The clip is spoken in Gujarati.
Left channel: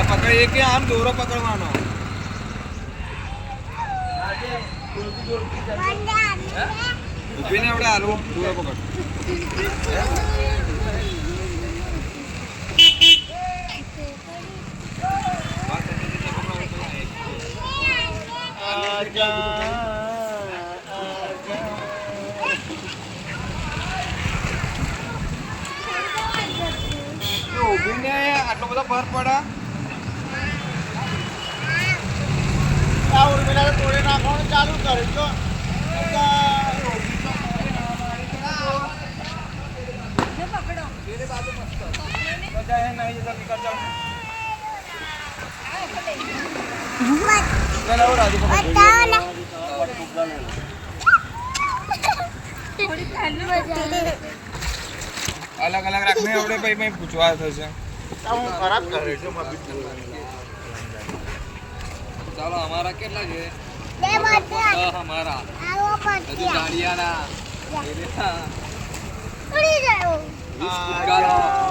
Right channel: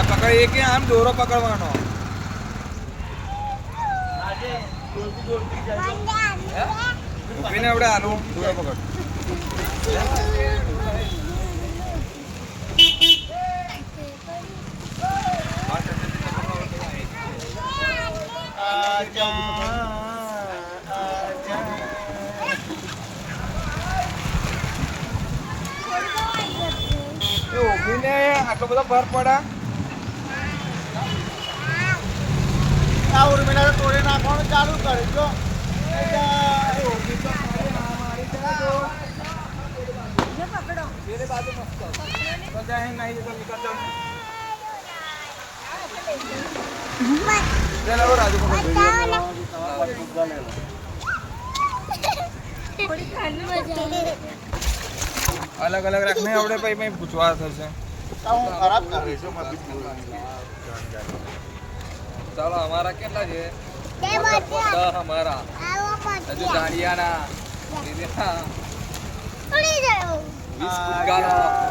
પકડ એક આમ દોરો પકડવાનો ઉભીને આપણે હાલો દોરો પકડ ઉભીને આટલો બધો ભર પડે આ ઉર્મિલા તોડે નાખવાનું ચાલુ કરે તો અલગ અલગ રાખને આપણે ભાઈ પૂછવા થશે ખરાબ કરે છે ચાલો हमारा કેટલા છે हमारा હજુ ગાડિયાના ઉડી જાઓ